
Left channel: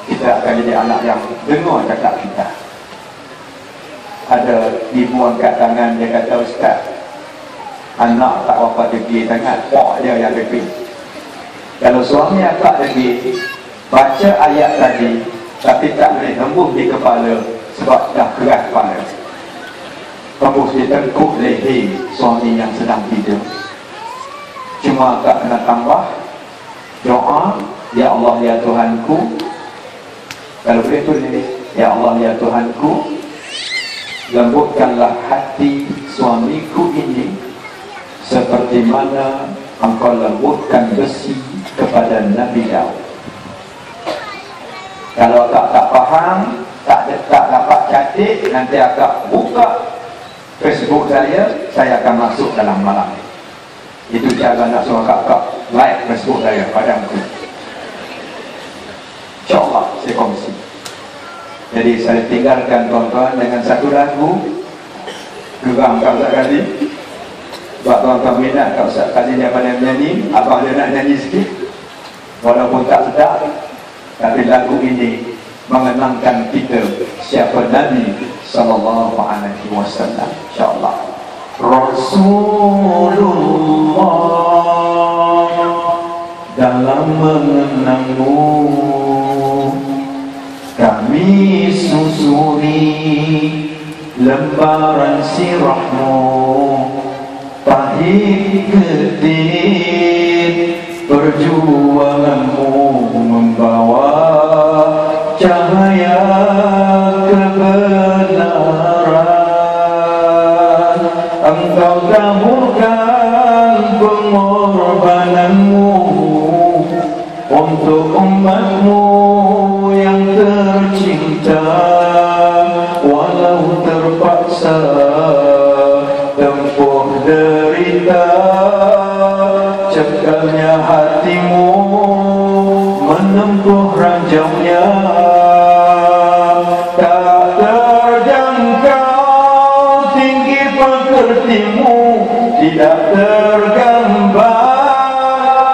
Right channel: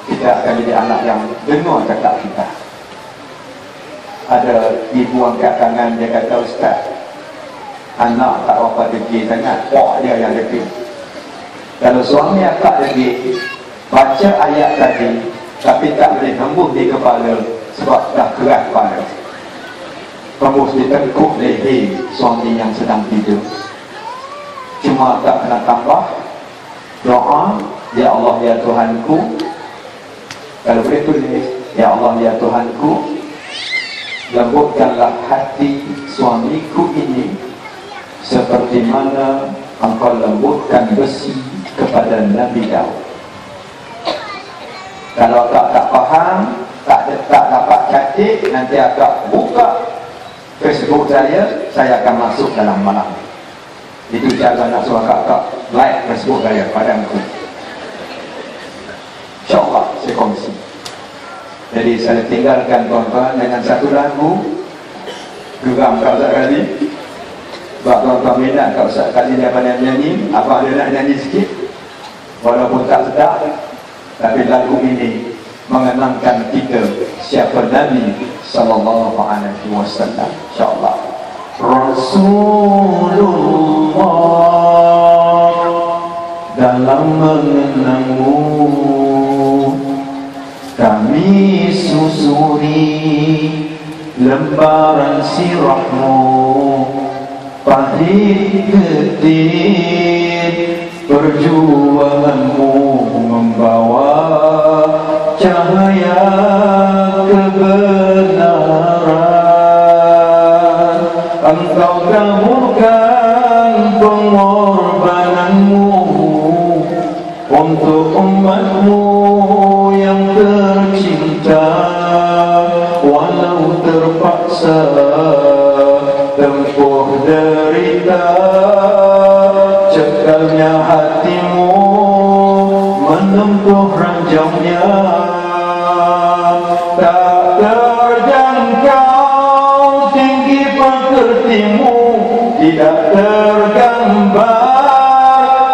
kita akan jadi anak yang dengar cakap kita. Ada ibu angkat tangan, dia kata, Ustaz, anak tak apa degi sangat, pok dia yang degi. Kalau suami akak degi, baca ayat tadi, tapi tak boleh hembus di kepala sebab dah keras kepala. Hembus di tengkuk leher suami yang sedang tidur. Cuma tak kena tambah doa, Ya Allah ya Tuhanku. Kalau boleh tulis, Ya Allah ya Tuhanku, lembutkanlah hati suamiku ini seperti mana Engkau lembutkan besi kepada Nabi Daud. Kalau tak faham, tak dapat catik, nanti akak buka Facebook saya akan masuk dalam malam. Itu cara nak suruh akak like Facebook saya padaku. InsyaAllah saya kongsi. Jadi saya tinggalkan tuan-tuan dengan satu lagu juga angkat sekali. Sebab tuan-tuan minat kalau sekali dia pandai menyanyi, abang dia nak nyanyi sikit walaupun tak sedap, tapi lagu ini mengenangkan kita siapa Nabi sallallahu alaihi wasallam. InsyaAllah. Rasulullah, dalam mengenangmu kami susuri lembaran sirahmu, pahit getir perjuanganmu membawa cahaya kebenaran. Engkau dahulukan pengorbananmu untuk umatmu yang tercinta, walau terpaksa tempuh derita. Cekalnya hatimu menempuh ranjangnya, tak terjangkau tinggi pekertimu, tidak tergambar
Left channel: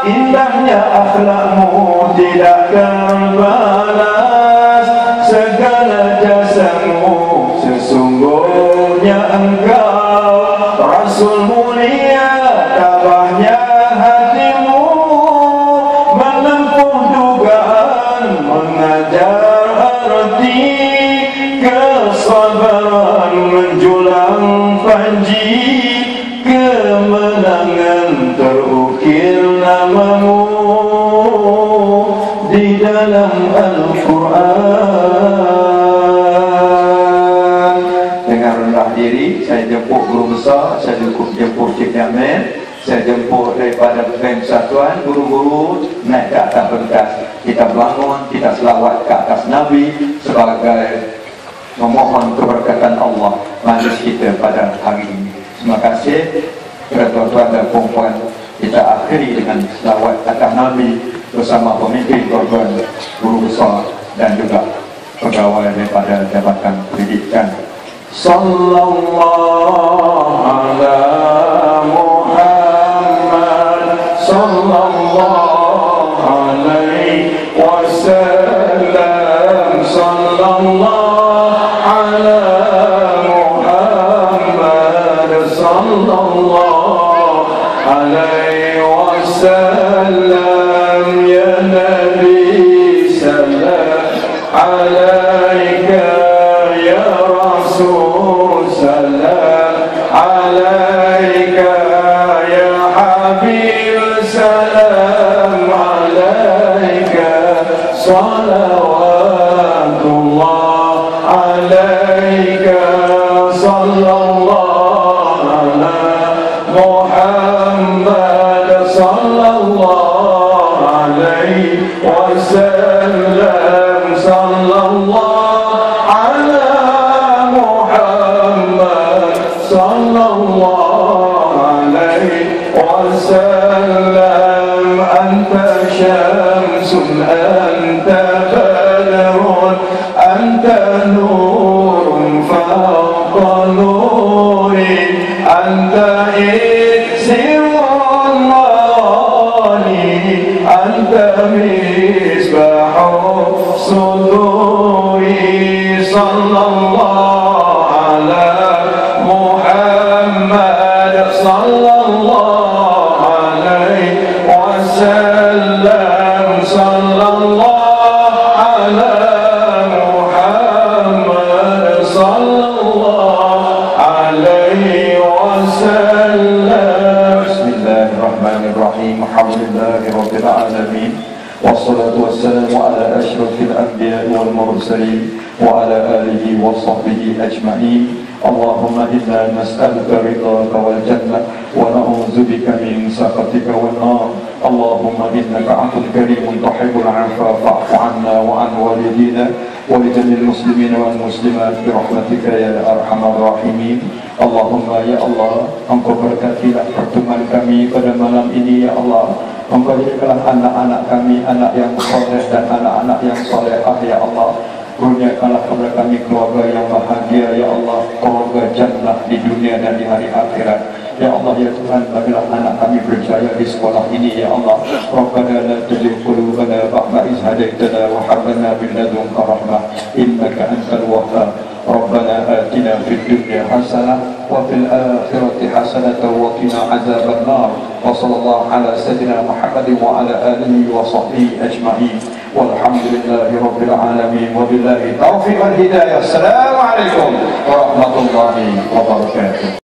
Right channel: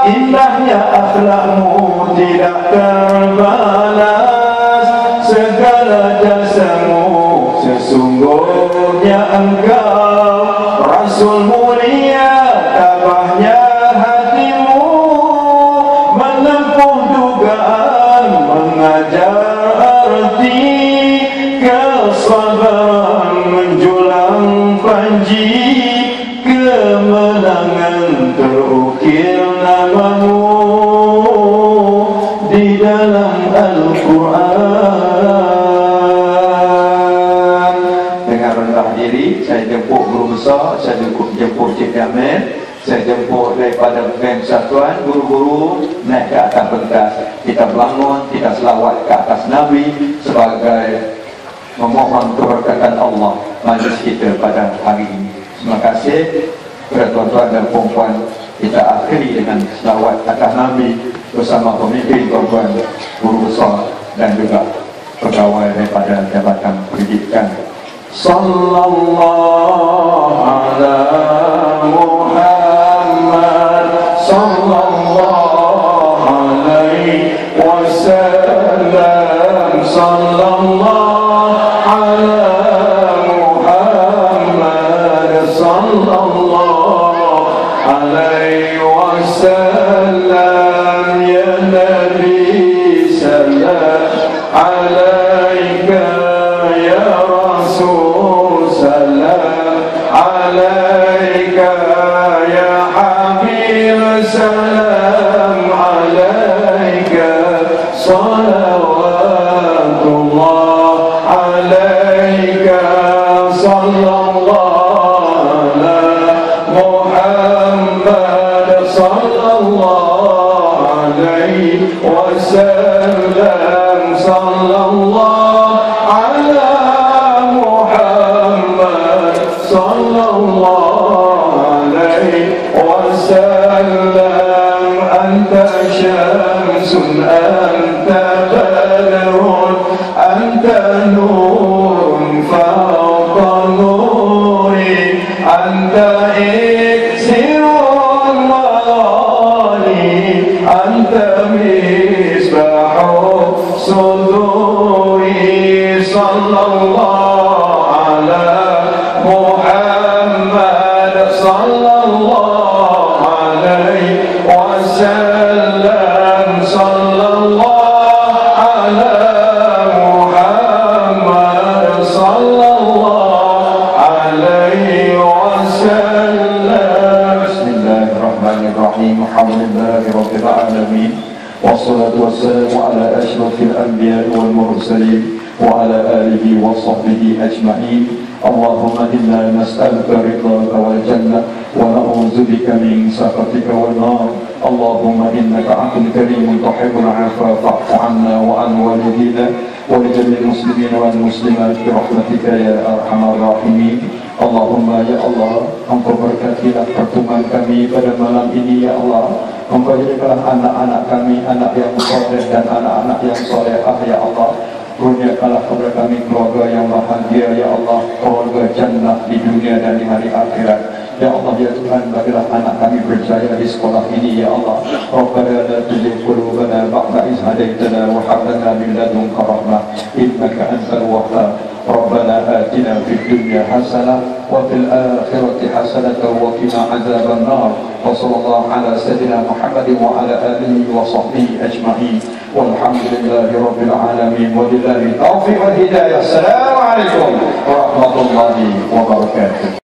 indahnya akhlakmu, tidak terbalas segala jasamu. Sesungguhnya engkau Rasul mulia, tabahnya hatimu menempuh dugaan, mengajar arti kesabaran, menjulang panji kemenangan, terukir namamu di dalam Al-Quran. Dengan rendah diri saya jemput guru besar, saya jemput Cik Jamil, saya jemput daripada Bem Satuan, guru-guru naik ke atas pentas. Kita bangun, kita selawat ke atas Nabi sebagai memohon keberkatan Allah majlis kita pada hari ini. Terima kasih kepada tuan-tuan dan puan-puan. Kita akhiri dengan selawat atas Nabi bersama pemimpin tuan-tuan, guru besar dan juga pegawai daripada Jabatan Pendidikan. Sallallahu ala Muhammad, sallallahu alaihi wasallam, sallallahu ala Muhammad, sallallahu alaihi wasallam. Ya Nabi salam alaika, ya Rasul salam alaika, ya Habib salam alaika, salawatullah alaika, sallallahu ala Muhammad, sallallahu alaihi wasallam, sallallahu ala Muhammad, sallallahu alaihi wasallam. Anta syamsun, anta badrun, anta nurun fawqa nuri, anta iksirun mali, anta misbahu alhamdulillahi rabbil alamin. Wassalatu wassalamu ala asyrafil anbiya wal mursalin wa ala alihi wa sahbihi ajma'in. Allahumma inna nas'aluka ridhaka wal jannah wa na'udzu bika min sakhatika wan nar. Allahumma innaka 'afuwwun karimun tuhibbul 'afwa fa'fu 'anna wa 'an walidina wa li jami'il muslimina wal muslimat bi rahmatika ya arhamar rahimin. Allahumma ya Allah, Engkau berkatilah pertemuan kami pada malam ini ya Allah. Engkau jadikanlah anak-anak kami anak yang saleh dan anak-anak yang salehah ya Allah. Kurniakanlah kepada kami keluarga yang bahagia ya Allah, keluarga jannah di dunia dan di hari akhirat. Ya Allah ya Tuhan, bagilah anak kami berjaya di sekolah ini ya Allah. Rabbana la tuzigh qulubana ba'da idh hadaytana wa hab lana min ladunka rahmah innaka antal wahhab. Rabbana atina fid dunya hasanah wa fil akhirati hasanah wa qina adzaban nar. Wa sallallahu ala sayyidina Muhammadin wa ala alihi wa sahbihi ajma'in. Walhamdulillahi rabbil alamin wa billahi taufiq wal hidayah. Assalamualaikum warahmatullahi wabarakatuh.